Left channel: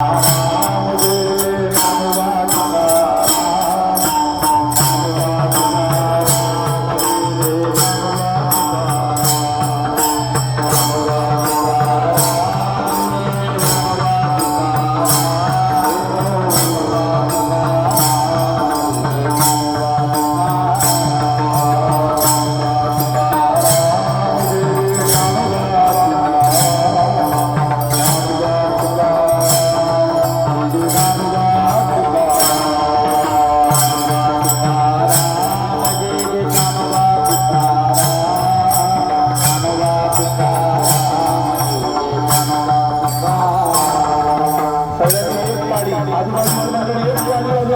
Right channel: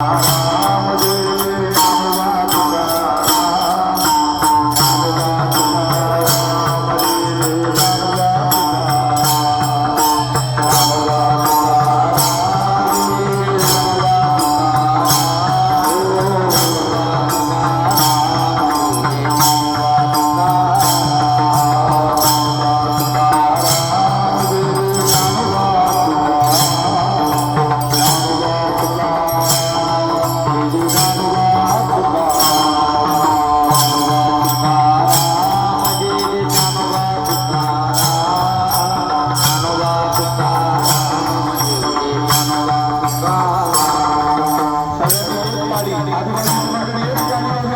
Thank uh -huh. Adi, Adi, Adi,